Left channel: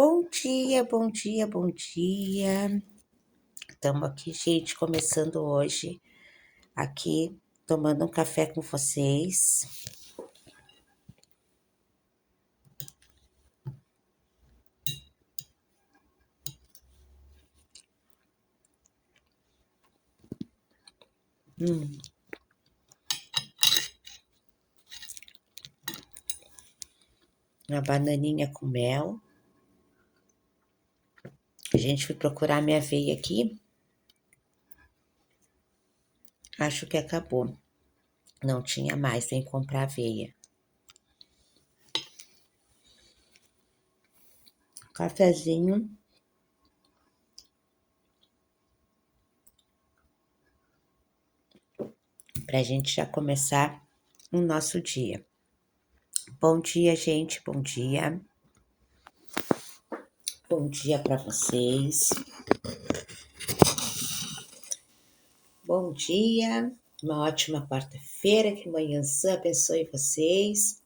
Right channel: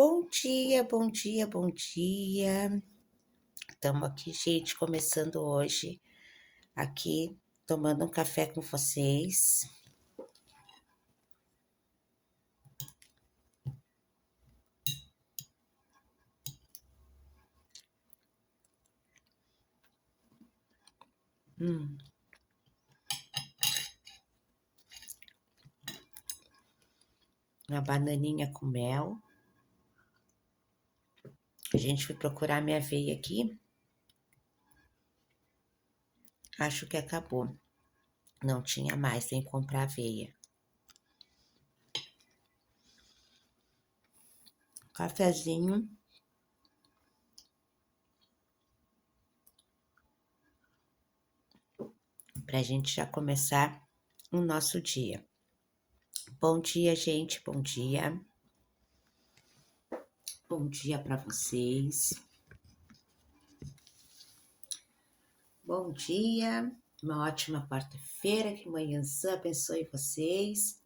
Bom dia, bom dia, bom dia. Estamos aqui, gente, começando hoje, aqui, tomando um café com vocês. Uma bananinha com mel. A gente foi procurar minha aveia aqui. Acho que acabou. Não tinha mais, tem que comprar aveia. Cafezinho. Pra gente já começar o nosso dia. Bom dia, gente, bom dia. Bom dia para vocês. Bom dia, uma ótima quarta-feira, que manhãzã abençoe vocês.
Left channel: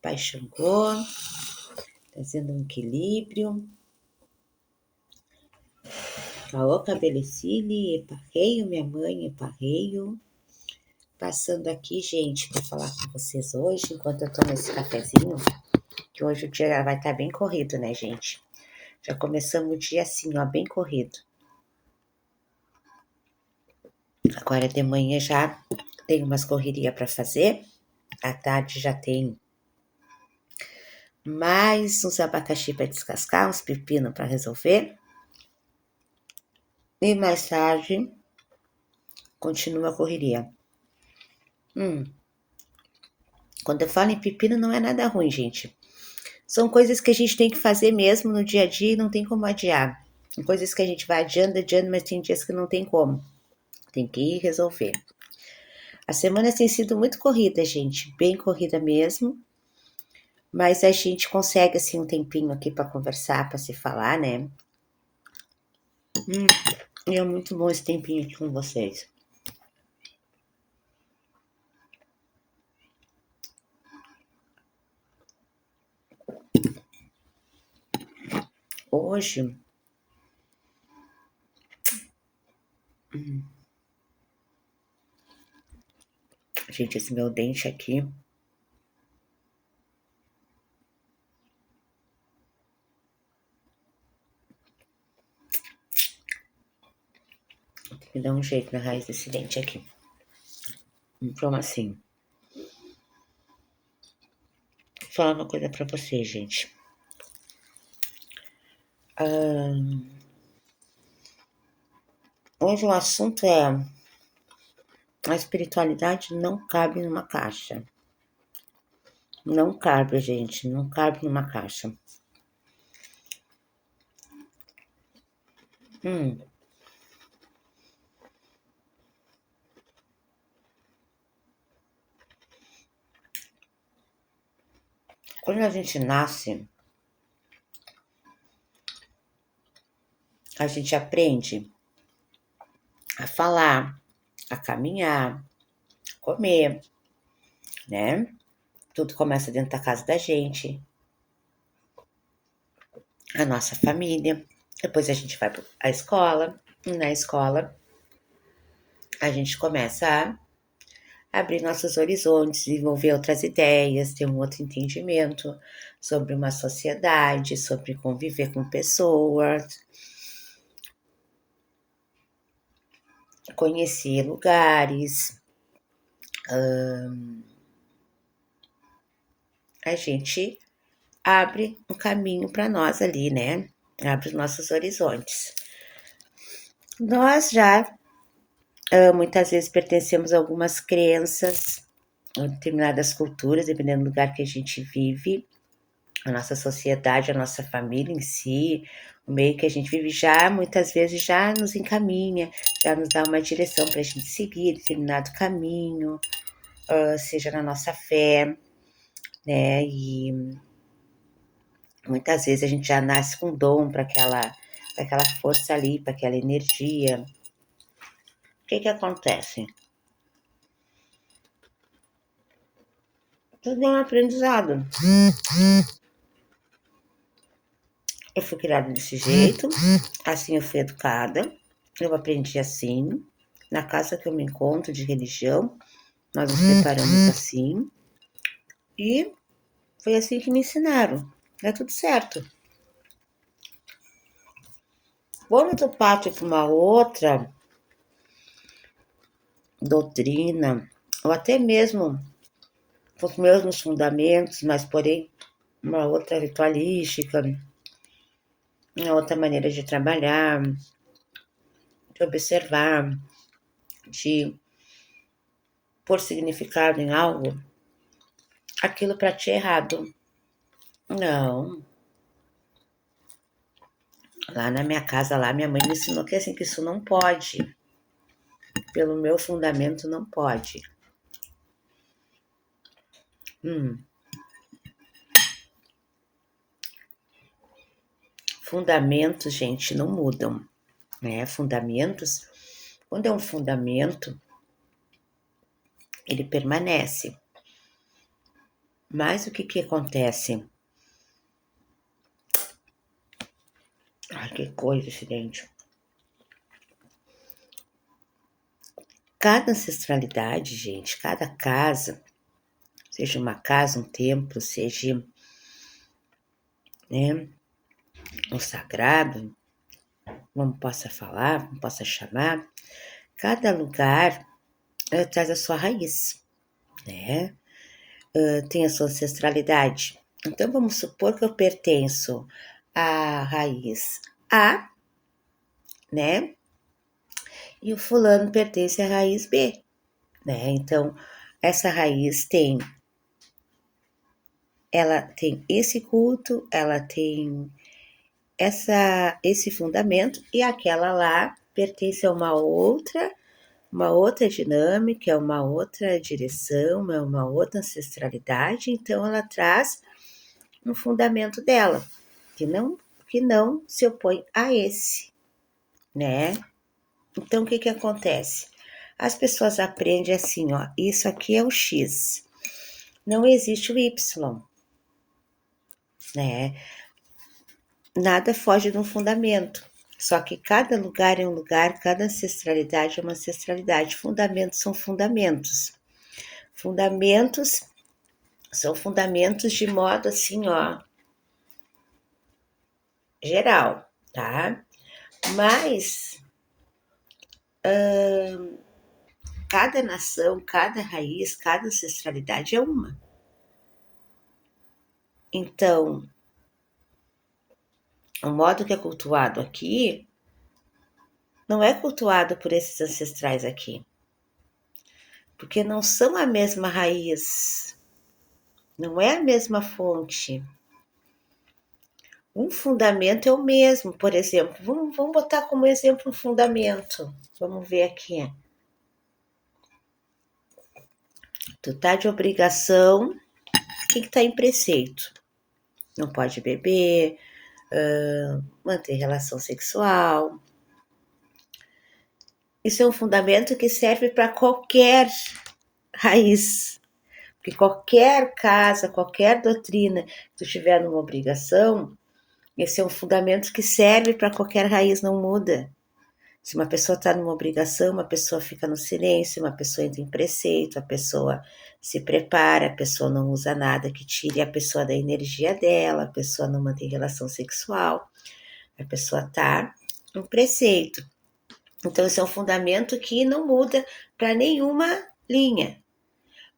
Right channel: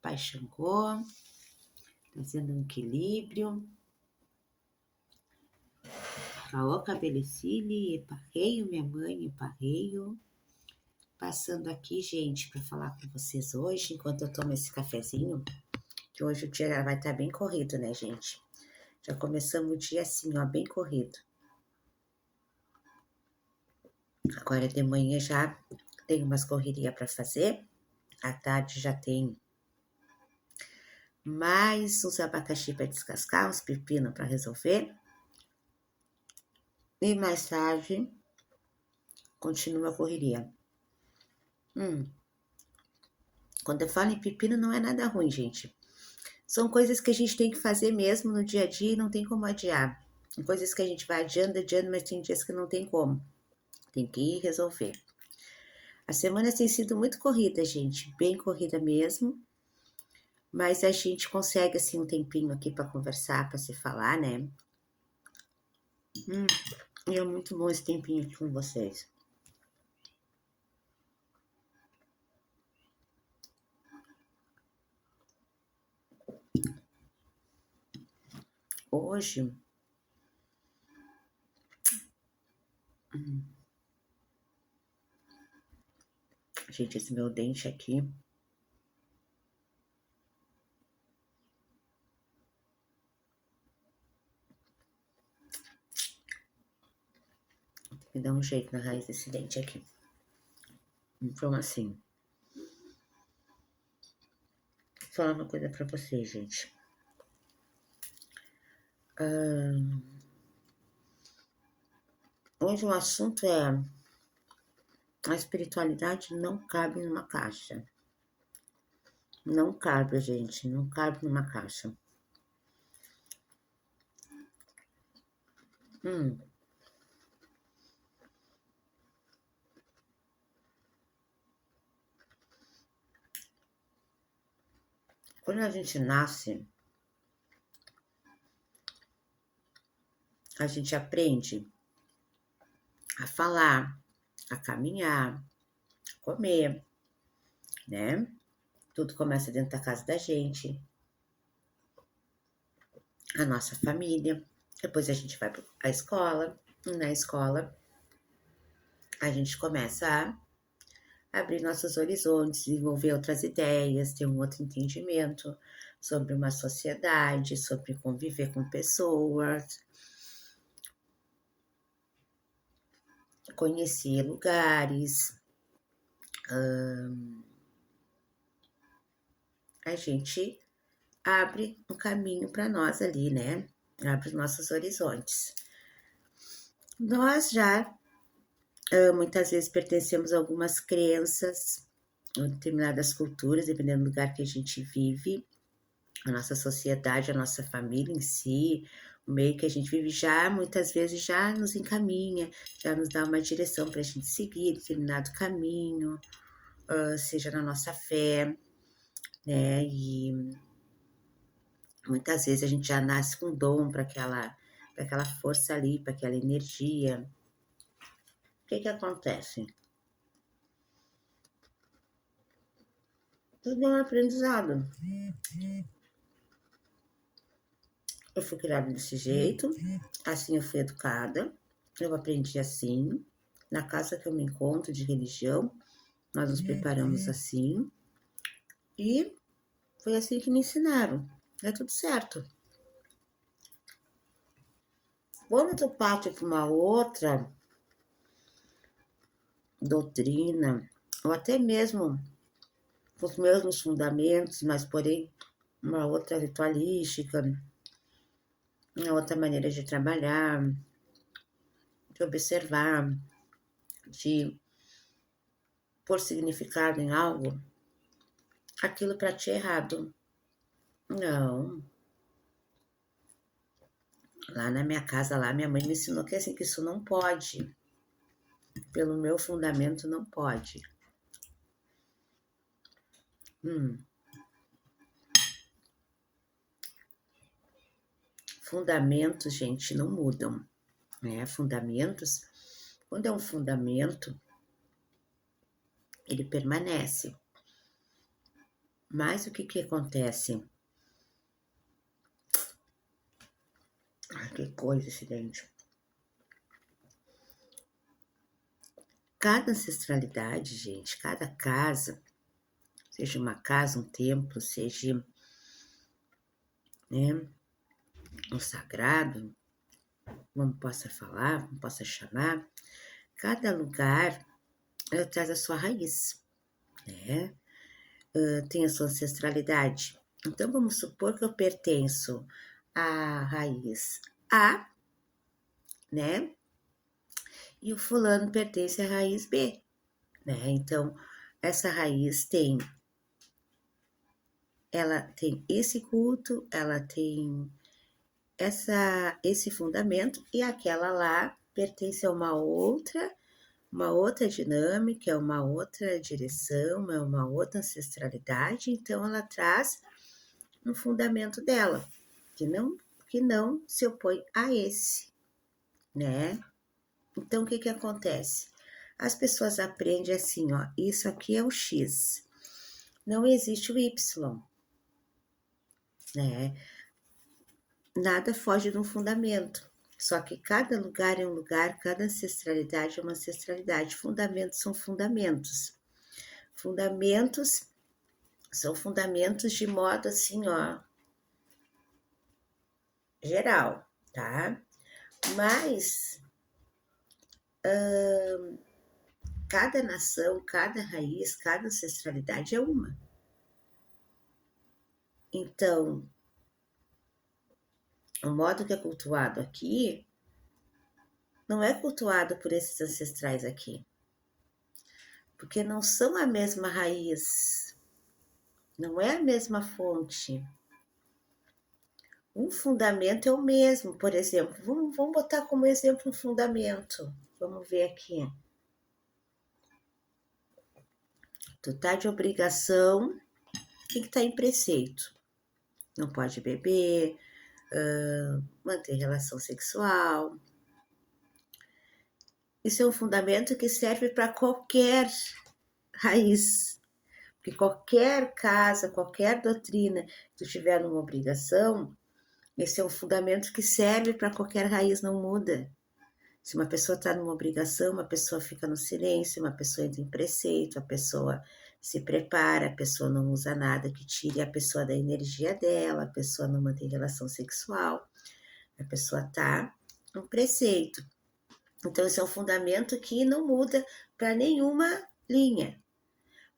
Pai Xangô, trazendo um equilíbrio. Caô Cabelecile, Eparreio, minha mãe, Eparreio. Passando aqui, gente, para falar com vocês hoje, enquanto eu tomo esse cafezinho, que hoje o dia vai estar bem corrido, né, gente? Já começamos o dia assim, ó, bem corrido. Agora de manhã já tem umas correrias para fazer. À tarde já tem mais uns abacaxi para descascar, uns pepinos para resolver. E mais tarde continua a correria. Quando eu falo em pepino, não é nada ruim, gente. São coisas que a gente tem que fazer mesmo no dia a dia e não tem como adiar. Coisas que a gente vai adiando, mas tem dias que não tem como. Tem que ir resolver. A semana tem sido muito corrida, gente, bem corrida mesmo. Mas a gente consegue, assim, um tempinho aqui para conversar, para se falar, né? E é muito bom esse tempinho aqui com vocês. Hoje, gente, esse meu dente aqui, me dá um jeito na raiz desse dente aqui. Como assim? Vou falar uma coisa pra vocês, gente. Hoje o assunto é: a espiritualidade não cabe numa caixa. Não cabe, gente, não cabe numa caixa. Quando a gente nasce, a gente aprende a falar, a caminhar, a comer, né? Tudo começa dentro da casa da gente, a nossa família. Depois a gente vai para a escola, e na escola a gente começa a abrir nossos horizontes, desenvolver outras ideias, ter um outro entendimento sobre uma sociedade, sobre conviver com pessoas, conhecer lugares. A gente abre um caminho para nós ali, né? Abre os nossos horizontes. Nós já muitas vezes pertencemos a algumas crenças, a determinadas culturas, dependendo do lugar que a gente vive, a nossa sociedade, a nossa família em si, o meio que a gente vive já muitas vezes já nos encaminha, já nos dá uma direção para a gente seguir determinado caminho, seja na nossa fé, né? E muitas vezes a gente já nasce com dom para aquela força ali, para aquela energia. O que acontece? Tudo é um aprendizado. Eu fui criada desse jeito, assim eu fui educada, eu aprendi assim. Na casa que eu me encontro de religião, nós nos preparamos assim. E foi assim que me ensinaram. É tudo certo. Quando tu parte para uma outra doutrina, ou até mesmo os mesmos fundamentos, mas porém uma outra ritualística, uma outra maneira de trabalhar, de observar, de pôr significado em algo, aquilo para ti é errado. Não. Lá na minha casa, lá minha mãe me ensinou que assim que isso não pode. Pelo meu fundamento não pode. Hum. Fundamentos, gente, não mudam, né? Fundamentos, quando é um fundamento, ele permanece. Mas o que acontece? Ai, que coisa, gente. Cada ancestralidade, gente, cada casa, seja uma casa, um templo, seja, né, um sagrado, como possa falar, como possa chamar, cada lugar traz a sua raiz, né? Tem a sua ancestralidade. Então, vamos supor que eu pertenço à raiz A, né? E o fulano pertence à raiz B, né? Então, essa raiz ela tem esse culto, ela tem esse fundamento, e aquela lá pertence a uma outra dinâmica, é uma outra direção, é uma outra ancestralidade, então ela traz um fundamento dela, que não se opõe a esse, né? Então, o que acontece? As pessoas aprendem assim, ó, isso aqui é o X, não existe o Y, né? Nada foge de um fundamento. Só que cada lugar é um lugar, cada ancestralidade é uma ancestralidade. Fundamentos são fundamentos. Fundamentos são fundamentos de modo assim, ó, geral, tá? Mas cada nação, cada raiz, cada ancestralidade é uma. Então, o modo que é cultuado aqui não é cultuado por esses ancestrais aqui, porque não são a mesma raiz, não é a mesma fonte. Um fundamento é o mesmo, por exemplo, vamos botar como exemplo um fundamento. Vamos ver aqui. Tu tá de obrigação, o que tá em preceito? Não pode beber, manter relação sexual. Isso é um fundamento que serve para qualquer raiz. Porque qualquer casa, qualquer doutrina que tu tiver numa obrigação, esse é um fundamento que serve para qualquer raiz, não muda. Se uma pessoa está numa obrigação, uma pessoa fica no silêncio, uma pessoa entra em preceito, a pessoa se prepara, a pessoa não usa nada que tire a pessoa da energia dela, a pessoa não mantém relação sexual, a pessoa está em preceito. Então, esse é um fundamento que não muda para nenhuma linha.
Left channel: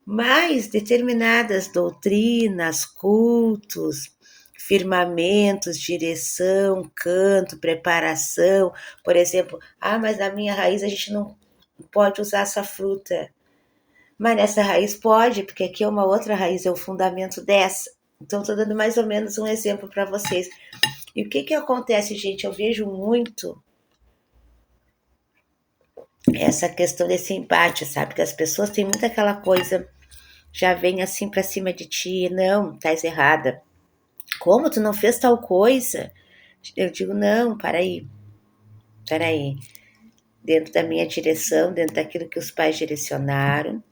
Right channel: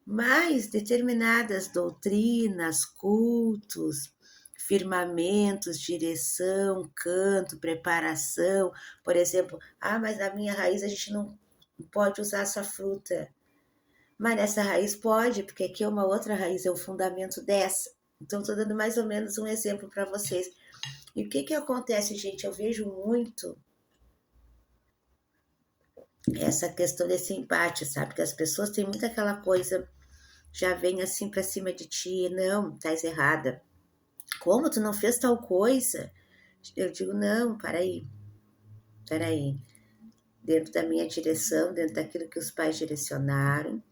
Mas determinadas doutrinas, cultos, firmamentos, direção, canto, preparação, por exemplo, mas na minha raiz a gente não pode usar essa fruta. Mas nessa raiz pode, porque aqui é uma outra raiz, é o fundamento dessa. Então, estou dando mais ou menos um exemplo para vocês. E o que acontece, gente? Eu vejo muito essa questão desse embate, sabe? Que as pessoas têm muito aquela coisa, já vem assim para cima de ti, não, estás errada. Como tu não fez tal coisa? Eu digo, não, peraí. Dentro da minha direção, dentro daquilo que os pais direcionaram,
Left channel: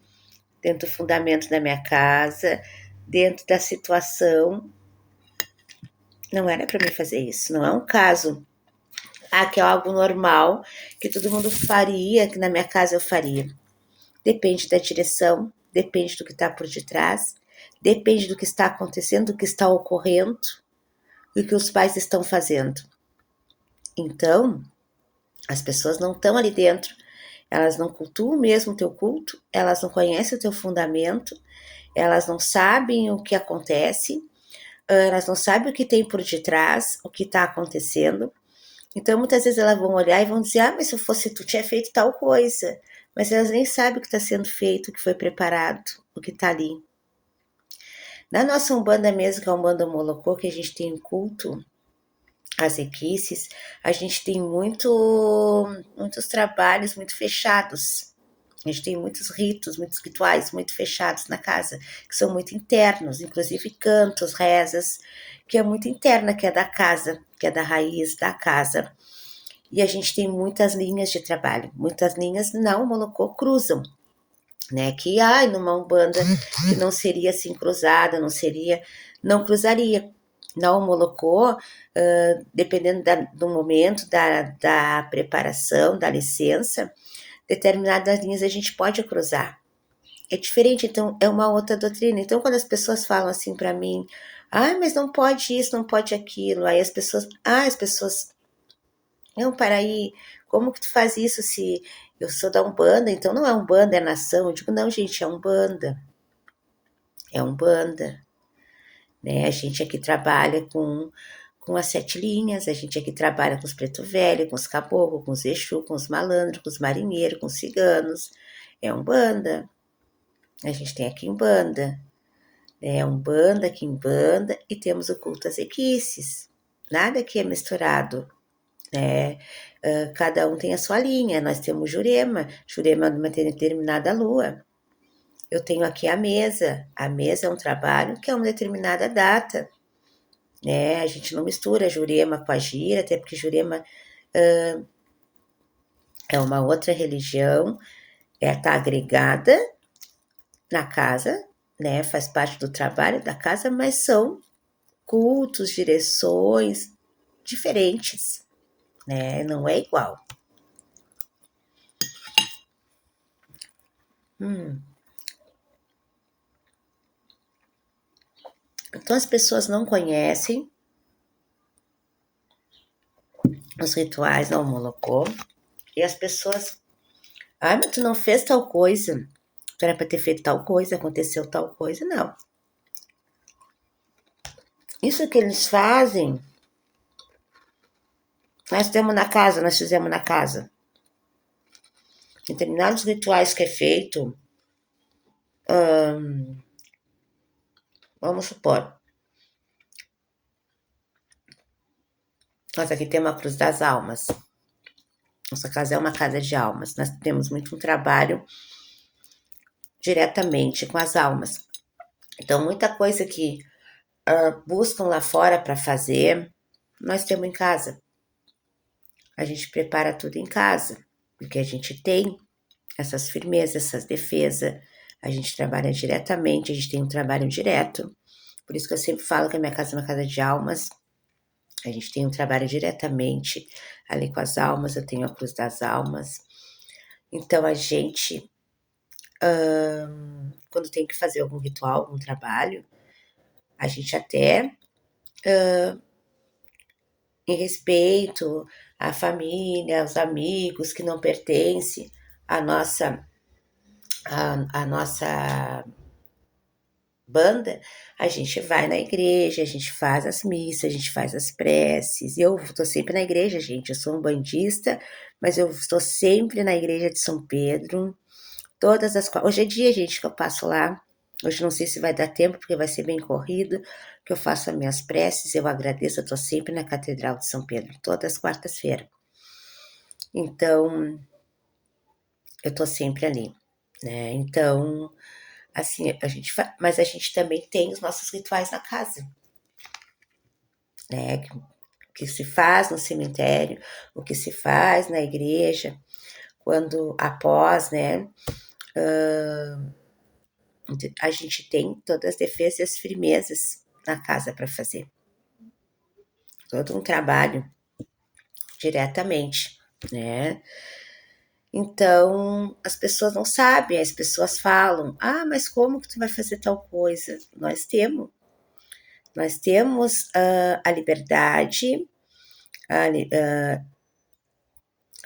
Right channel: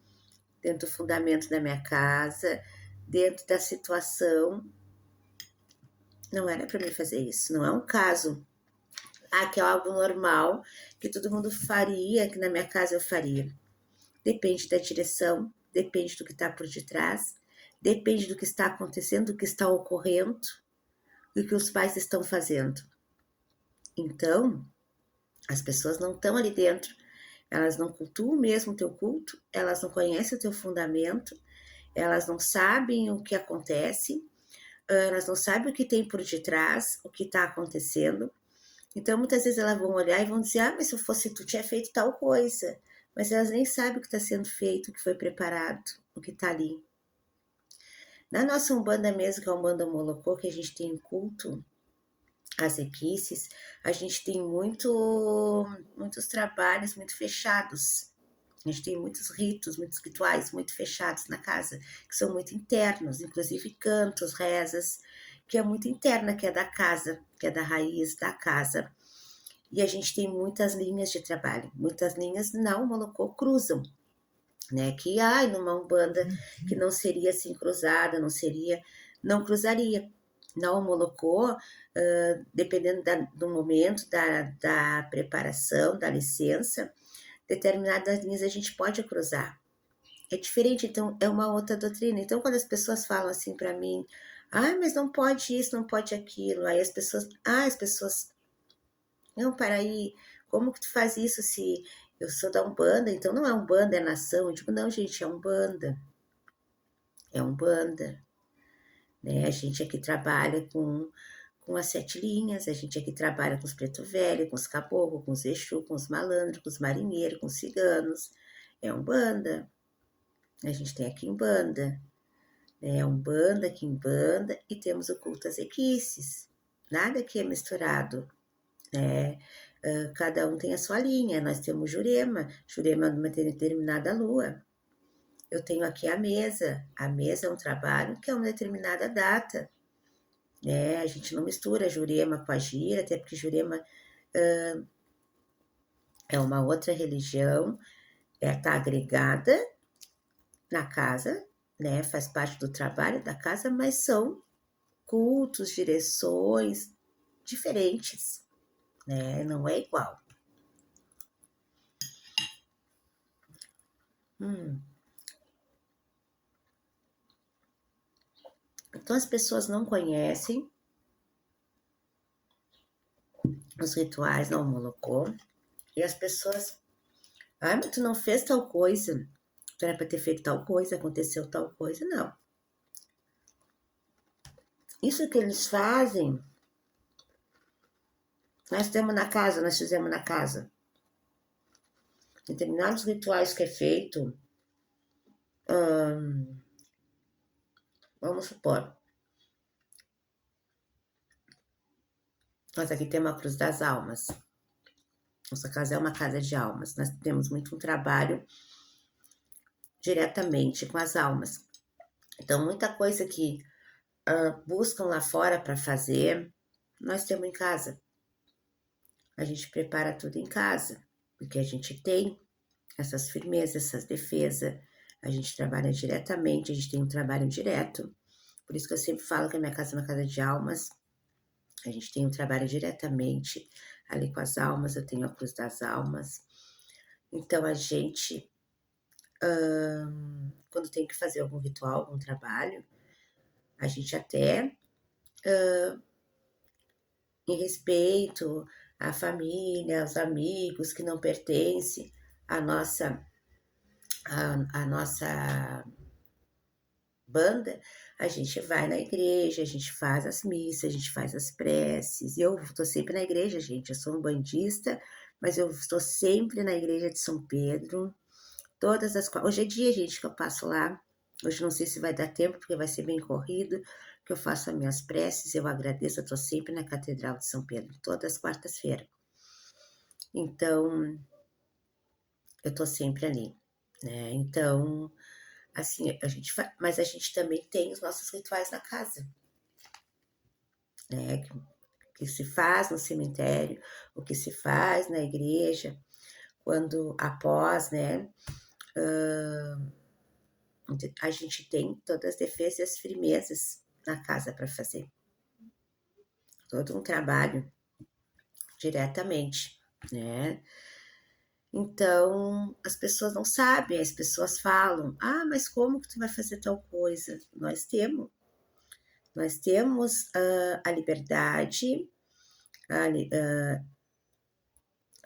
dentro do fundamento da minha casa, dentro da situação, Não era para mim fazer isso. Não é um caso que é algo normal, que todo mundo faria, que na minha casa eu faria. Depende da direção, depende do que está por detrás, depende do que está acontecendo, do que está ocorrendo e o que os pais estão fazendo. Então, as pessoas não estão ali dentro, elas não cultuam mesmo o teu culto, elas não conhecem o teu fundamento, elas não sabem o que acontece, elas não sabem o que tem por detrás, o que está acontecendo. Então, muitas vezes elas vão olhar e vão dizer: mas se eu fosse tu, tinha feito tal coisa. Mas elas nem sabem o que está sendo feito, o que foi preparado, o que está ali. Na nossa Umbanda mesmo, que é a Umbanda Molocô, que a gente tem um culto às equices, a gente tem muitos trabalhos muito fechados. A gente tem muitos ritos, muitos rituais muito fechados na casa, que são muito internos, inclusive cantos, rezas, que é muito interna, que é da casa, que é da raiz da casa. E a gente tem muitas linhas de trabalho, muitas linhas não Molocô cruzam, né? Que numa Umbanda que não seria assim cruzada, não cruzaria. Na Molocô, dependendo do momento, da preparação, da licença, determinadas linhas a gente pode cruzar. É diferente, então é uma outra doutrina. Então, quando as pessoas falam assim para mim, mas não pode isso, não pode aquilo, aí as pessoas não, para aí, como que tu faz isso se eu sou da Umbanda, então não é Umbanda, é nação. Eu digo, não, gente, é Umbanda. É Umbanda, né? A gente aqui trabalha com as 7 linhas, a gente aqui trabalha com os preto velho, com os caboclos, com os Exu, com os malandros, com os marinheiros, com os ciganos. É Umbanda. A gente tem aqui Umbanda. É Umbanda, Quimbanda e temos o culto às equices. Nada aqui é misturado, né? Cada um tem a sua linha. Nós temos Jurema, Jurema numa determinada lua. Eu tenho aqui a mesa. A mesa é um trabalho que é uma determinada data, né? A gente não mistura Jurema com a gira, até porque Jurema é uma outra religião, tá agregada na casa, né? Faz parte do trabalho da casa, mas são cultos, direções diferentes, né? Não é igual. Então as pessoas não conhecem os rituais da Homolocô e as pessoas, mas tu não fez tal coisa, tu era para ter feito tal coisa, aconteceu tal coisa, não. Isso que eles fazem, nós fizemos na casa. Determinados rituais que é feito, vamos supor, nós aqui temos a Cruz das Almas. Nossa casa é uma casa de almas. Nós temos muito um trabalho diretamente com as almas. Então, muita coisa que buscam lá fora para fazer, nós temos em casa. A gente prepara tudo em casa, porque a gente tem essas firmezas, essas defesas, a gente trabalha diretamente, a gente tem um trabalho direto. Por isso que eu sempre falo que a minha casa é uma casa de almas. A gente tem um trabalho diretamente ali com as almas, eu tenho a Cruz das Almas. Então a gente, quando tem que fazer algum ritual, algum trabalho, a gente até, em respeito à família, aos amigos que não pertencem à nossa banda, a gente vai na igreja, a gente faz as missas, a gente faz as preces. Eu estou sempre na igreja, gente. Eu sou um bandista, mas eu estou sempre na igreja de São Pedro. Hoje é dia, gente, que eu passo lá. Hoje não sei se vai dar tempo, porque vai ser bem corrido, que eu faço as minhas preces, eu agradeço, eu estou sempre na Catedral de São Pedro, todas as quartas-feiras. Então, eu estou sempre ali, né? Então, assim, mas a gente também tem os nossos rituais na casa, né? Que se faz no cemitério, o que se faz na igreja, quando após, né? A gente tem todas as defesas e as firmezas na casa para fazer. todo um trabalho diretamente, né? Então, as pessoas não sabem, as pessoas falam: "Ah, mas como que tu vai fazer tal coisa?". Nós temos a liberdade, a li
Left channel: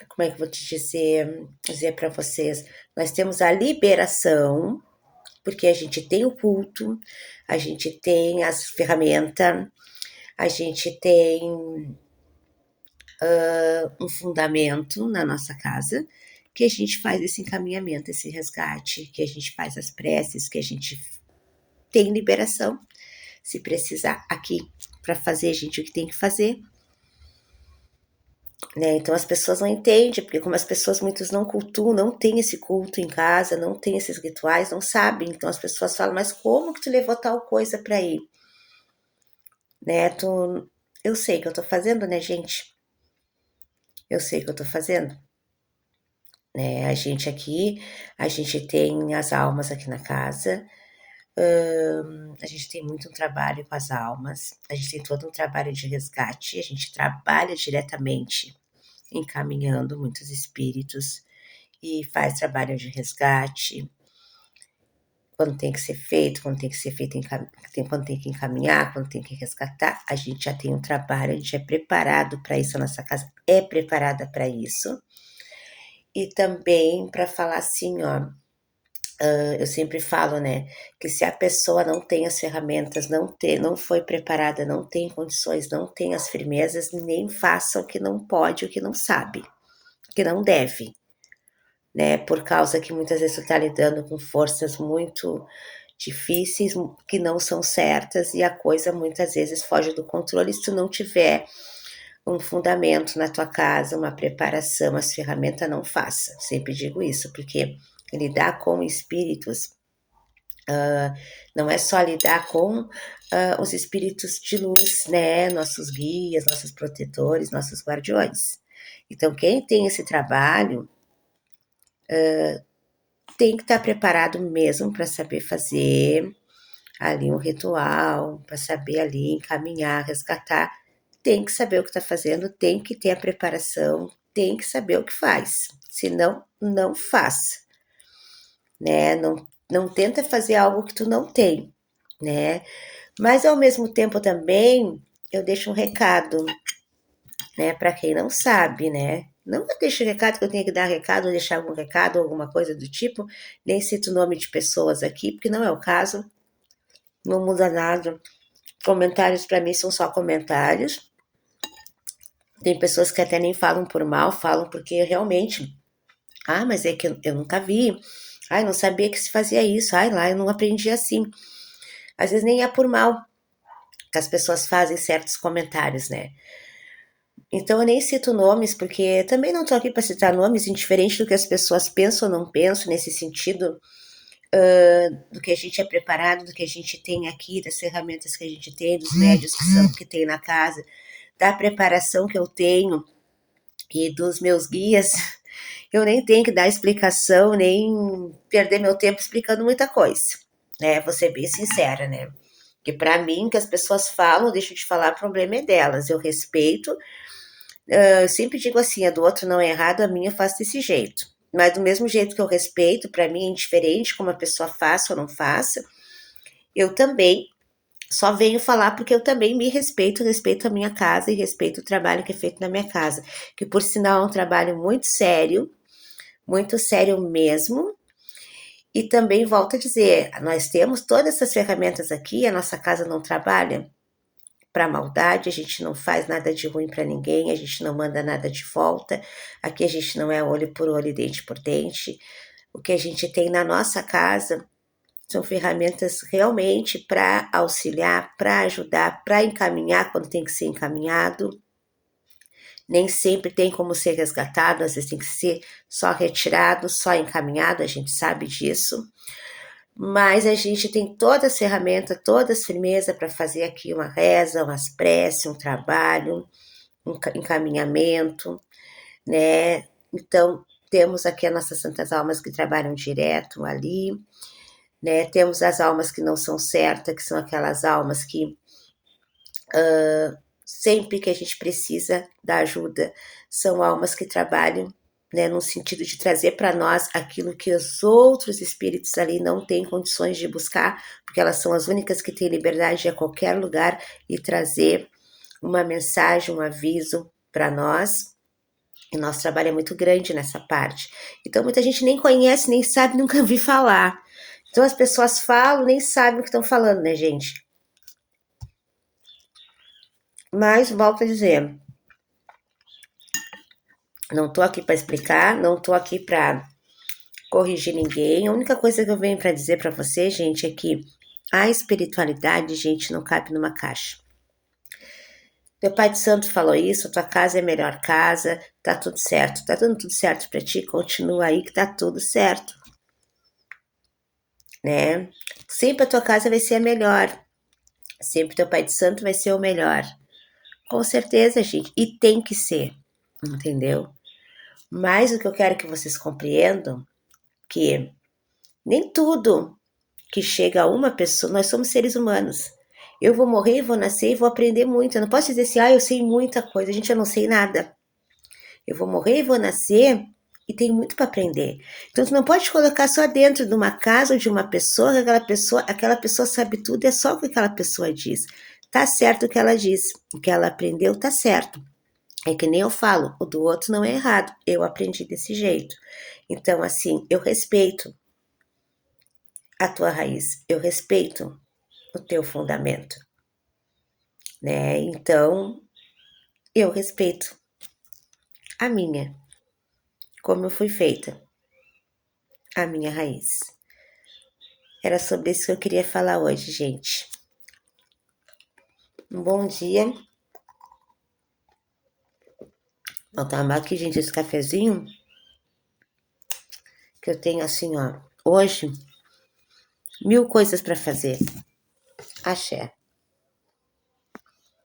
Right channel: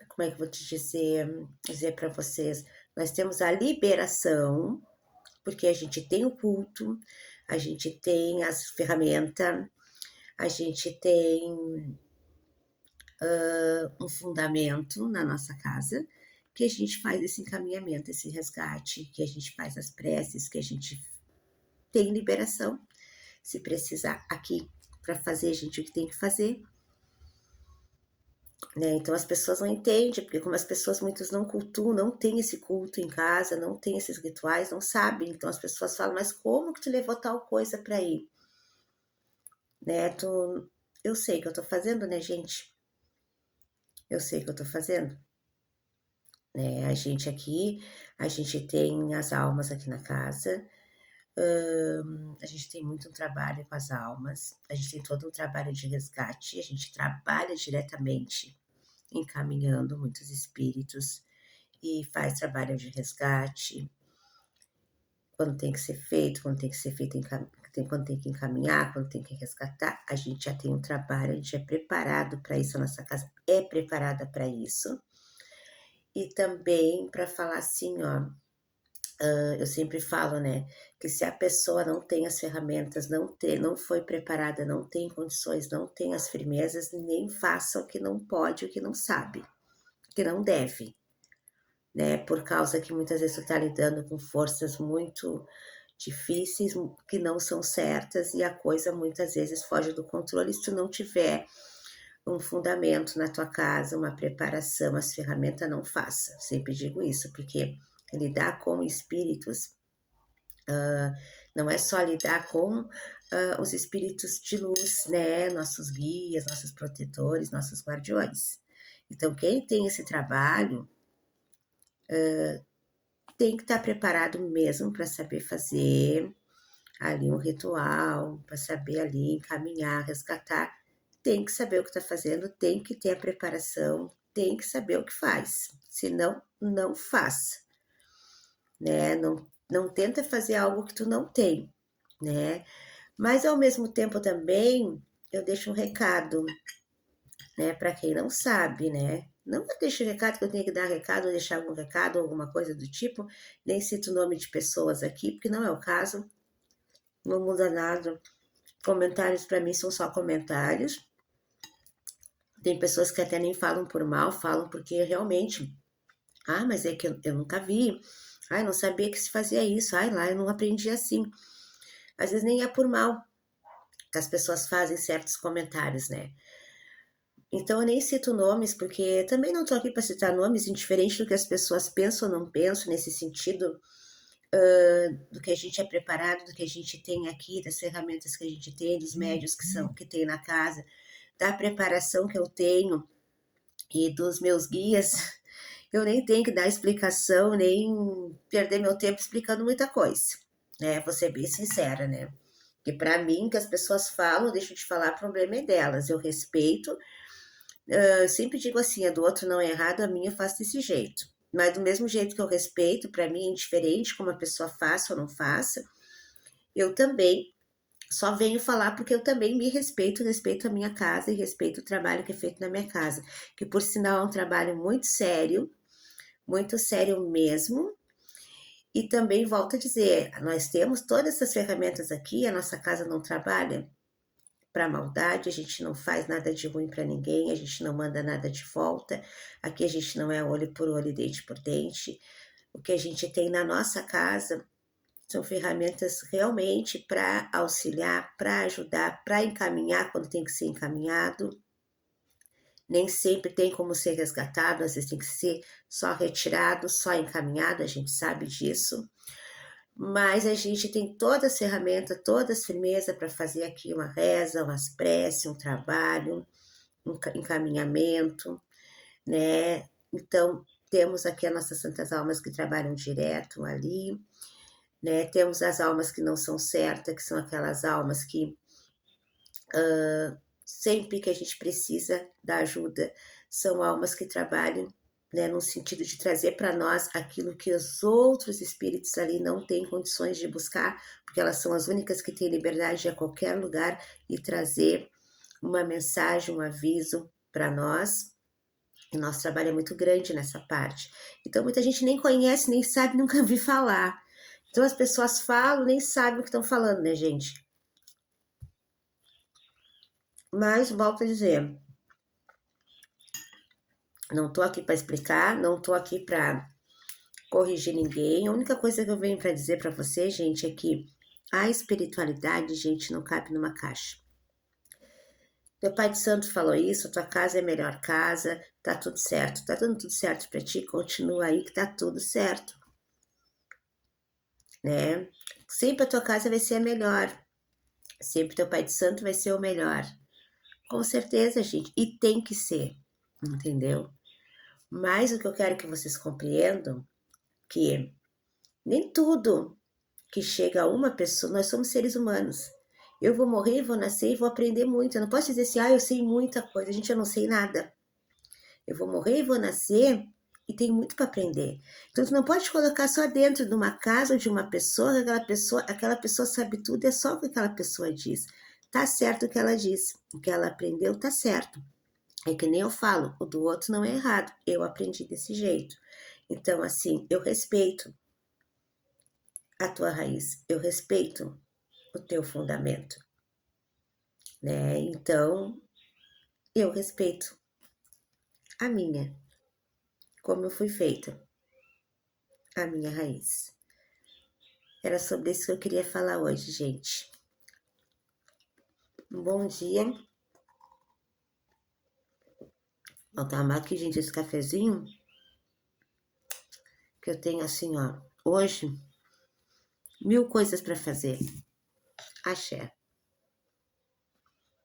como é que eu vou te dizer para vocês? Nós temos a liberação, porque a gente tem o culto, a gente tem as ferramenta, a gente tem um fundamento na nossa casa, que a gente faz esse encaminhamento, esse resgate, que a gente faz as preces, que a gente tem liberação, se precisar aqui para fazer, a gente o que tem que fazer, né? Então as pessoas não entendem, porque como as pessoas muitas não cultuam, não tem esse culto em casa, não tem esses rituais, não sabem. Então as pessoas falam: "Mas como que tu levou tal coisa para ir?", né? Eu sei que eu tô fazendo, né, gente? Eu sei que eu tô fazendo, né? A gente tem as almas aqui na casa. A gente tem muito um trabalho com as almas, a gente tem todo um trabalho de resgate, a gente trabalha diretamente encaminhando muitos espíritos e faz trabalho de resgate quando tem que ser feito, quando tem que ser feito, quando tem que encaminhar, quando tem que resgatar, a gente já tem um trabalho, a gente é preparado para isso, a nossa casa é preparada para isso. E também para falar assim, ó, eu sempre falo, né, que se a pessoa não tem as ferramentas, não foi preparada, não tem condições, não tem as firmezas, nem faça o que não pode, o que não sabe, o que não deve, né, por causa que muitas vezes tu tá lidando com forças muito difíceis, que não são certas, e a coisa muitas vezes foge do controle se tu não tiver um fundamento na tua casa, uma preparação, as ferramentas, não faça. Sempre digo isso, porque lidar com espíritos não é só lidar com os espíritos de luz, né? Nossos guias, nossos protetores, nossos guardiões. Então, quem tem esse trabalho tem que estar preparado mesmo para saber fazer ali um ritual, para saber ali encaminhar, resgatar. Tem que saber o que está fazendo, tem que ter a preparação, tem que saber o que faz. Senão, não faz, né? Não tenta fazer algo que tu não tem, né? Mas ao mesmo tempo também eu deixo um recado, né, para quem não sabe, né? Não eu deixo recado que eu tenha que dar recado, ou deixar algum recado, alguma coisa do tipo, nem cito o nome de pessoas aqui, porque não é o caso, não muda nada. Comentários para mim são só comentários. Tem pessoas que até nem falam por mal, falam porque realmente, mas é que eu nunca vi, não sabia que se fazia isso, lá eu não aprendi assim. Às vezes nem é por mal que as pessoas fazem certos comentários, né? Então eu nem cito nomes, porque também não estou aqui para citar nomes, indiferente do que as pessoas pensam ou não pensam, nesse sentido, do que a gente é preparado, do que a gente tem aqui, das ferramentas que a gente tem, dos médios que tem na casa, da preparação que eu tenho e dos meus guias, eu nem tenho que dar explicação, nem perder meu tempo explicando muita coisa, né? Vou ser bem sincera, né? Que para mim, que as pessoas falam, deixo de falar, o problema é delas. Eu respeito. Eu sempre digo assim: a do outro não é errado, a minha eu faço desse jeito. Mas do mesmo jeito que eu respeito, para mim é indiferente como a pessoa faça ou não faça, eu também só venho falar porque eu também me respeito, respeito a minha casa e respeito o trabalho que é feito na minha casa, que por sinal é um trabalho muito sério mesmo. E também volto a dizer, nós temos todas essas ferramentas aqui, a nossa casa não trabalha para maldade, a gente não faz nada de ruim para ninguém, a gente não manda nada de volta. Aqui a gente não é olho por olho, dente por dente. O que a gente tem na nossa casa são ferramentas realmente para auxiliar, para ajudar, para encaminhar quando tem que ser encaminhado. Nem sempre tem como ser resgatado, às vezes tem que ser só retirado, só encaminhado, a gente sabe disso. Mas a gente tem todas as ferramentas, todas as firmezas para fazer aqui uma reza, umas preces, um trabalho, um encaminhamento, né? Então, temos aqui as nossas santas almas que trabalham direto ali, né? Temos as almas que não são certas, que são aquelas almas que sempre que a gente precisa da ajuda. São almas que trabalham, né, no sentido de trazer para nós aquilo que os outros espíritos ali não têm condições de buscar, porque elas são as únicas que têm liberdade de ir a qualquer lugar e trazer uma mensagem, um aviso para nós. E nosso trabalho é muito grande nessa parte. Então muita gente nem conhece, nem sabe, nunca vi falar. Então as pessoas falam, nem sabem o que estão falando, né, gente? Mas volto a dizer, não tô aqui para explicar, não tô aqui para corrigir ninguém. A única coisa que eu venho para dizer para você, gente, é que a espiritualidade, gente, não cabe numa caixa. Teu pai de santo falou isso, tua casa é a melhor casa, tá tudo certo. Tá dando tudo certo para ti, continua aí que tá tudo certo, né? Sempre a tua casa vai ser a melhor. Sempre teu pai de santo vai ser o melhor. Com certeza, gente. E tem que ser, entendeu? Mas o que eu quero que vocês compreendam que nem tudo que chega a uma pessoa, nós somos seres humanos. Eu vou morrer, vou nascer e vou aprender muito. Eu não posso dizer assim, eu sei muita coisa. Gente, eu não sei nada. Eu vou morrer e vou nascer e tenho muito para aprender. Então, tu não pode colocar só dentro de uma casa ou de uma pessoa, que aquela pessoa sabe tudo, é só o que aquela pessoa diz. Tá certo o que ela diz, o que ela aprendeu tá certo. É que nem eu falo, o do outro não é errado. Eu aprendi desse jeito. Então, assim, eu respeito a tua raiz, eu respeito o teu fundamento, né? Então, eu respeito a minha, como eu fui feita, a minha raiz. Era sobre isso que eu queria falar hoje, gente. Um bom dia. Vou tomar aqui, gente, esse cafezinho que eu tenho assim, ó. Hoje, 1000 coisas para fazer. Axé.